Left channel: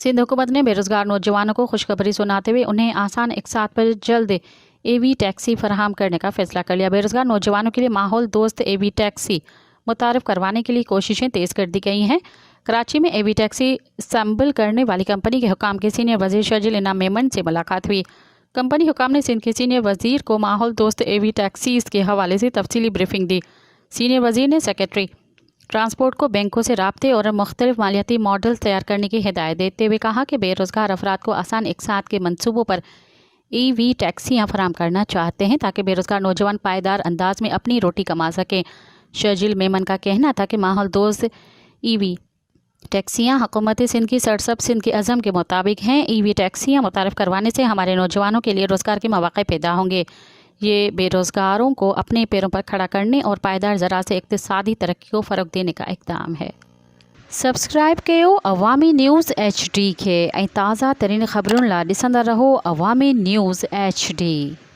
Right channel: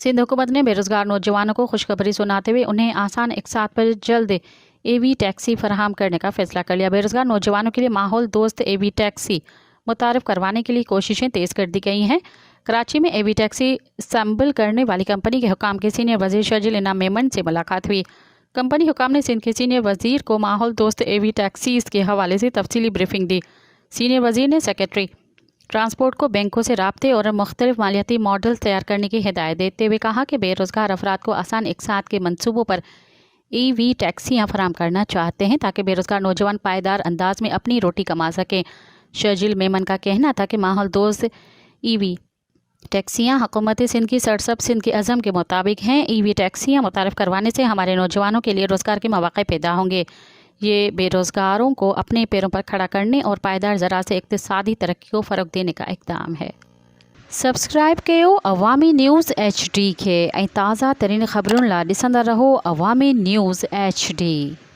सिंध हुकूमत ने बेरोजगार नौजवानों को खुशखबरी सुनाते हुए उन्हें आसान इकसात पर जल्द एवी टैक्सी फराहम करने का फैसला कर लिया। बेरोजगार नौजवानों के लिए माहौल दोस्त एवी टैक्सी मुतारफ करवाने के लिए कोशिशें तेज़ कर दी गई हैं। कराची में एवी टैक्सी असम्बल करने वाली कंपनी के हुकाम के सीनियर वजीर शर्जिल इनाम मेमन से मुलाकात हुई। कंपनी हुकाम ने सिंध के सीनियर वजीर को माहौल दोस्त एवी टैक्सीज के हवाले से तफसीली ब्रीफिंग दी। सीनियर वजीर ने सेक्रेटरी ट्रांसपोर्ट को बैंकों से राब्ते और मुख्तलिफ मालियाती मॉडल तैयार करने की हिदायत देते हुए कहा कि बेरोजगार अफराद को आसान इकसात के मनसूबों पर ईवी टैक्सियाँ फराम करना चाहते हैं ताकि बेरोजगार नौजवान पायदार अंदाज में अपनी रोटी कमा सकें। शर्जिल मेमन का कहना था कि माहौल दोस्त ईवी टैक्सियाँ हुकूमत सिंध की सरसब सिंध के अज़म के मुताबिक हैं। ईवी टैक्सियाँ मुतारफ़ करवाने से हमारे नौजवानों के लिए रोज़गार के मौक़े पैदा होंगे। ये बेरोज़गारों को अपने पैरों पर खड़ा करने और पायदार ज़राअत से इक़्तिसादी तरक्की को फ़रोग़ देने का इक़दाम है। सब्सक्राइब कयो अवामी न्यूज़ HD के ताज़ा तरीन ख़बरुन ला ॾिसंदा रहो अवामी न्यूज़ HD।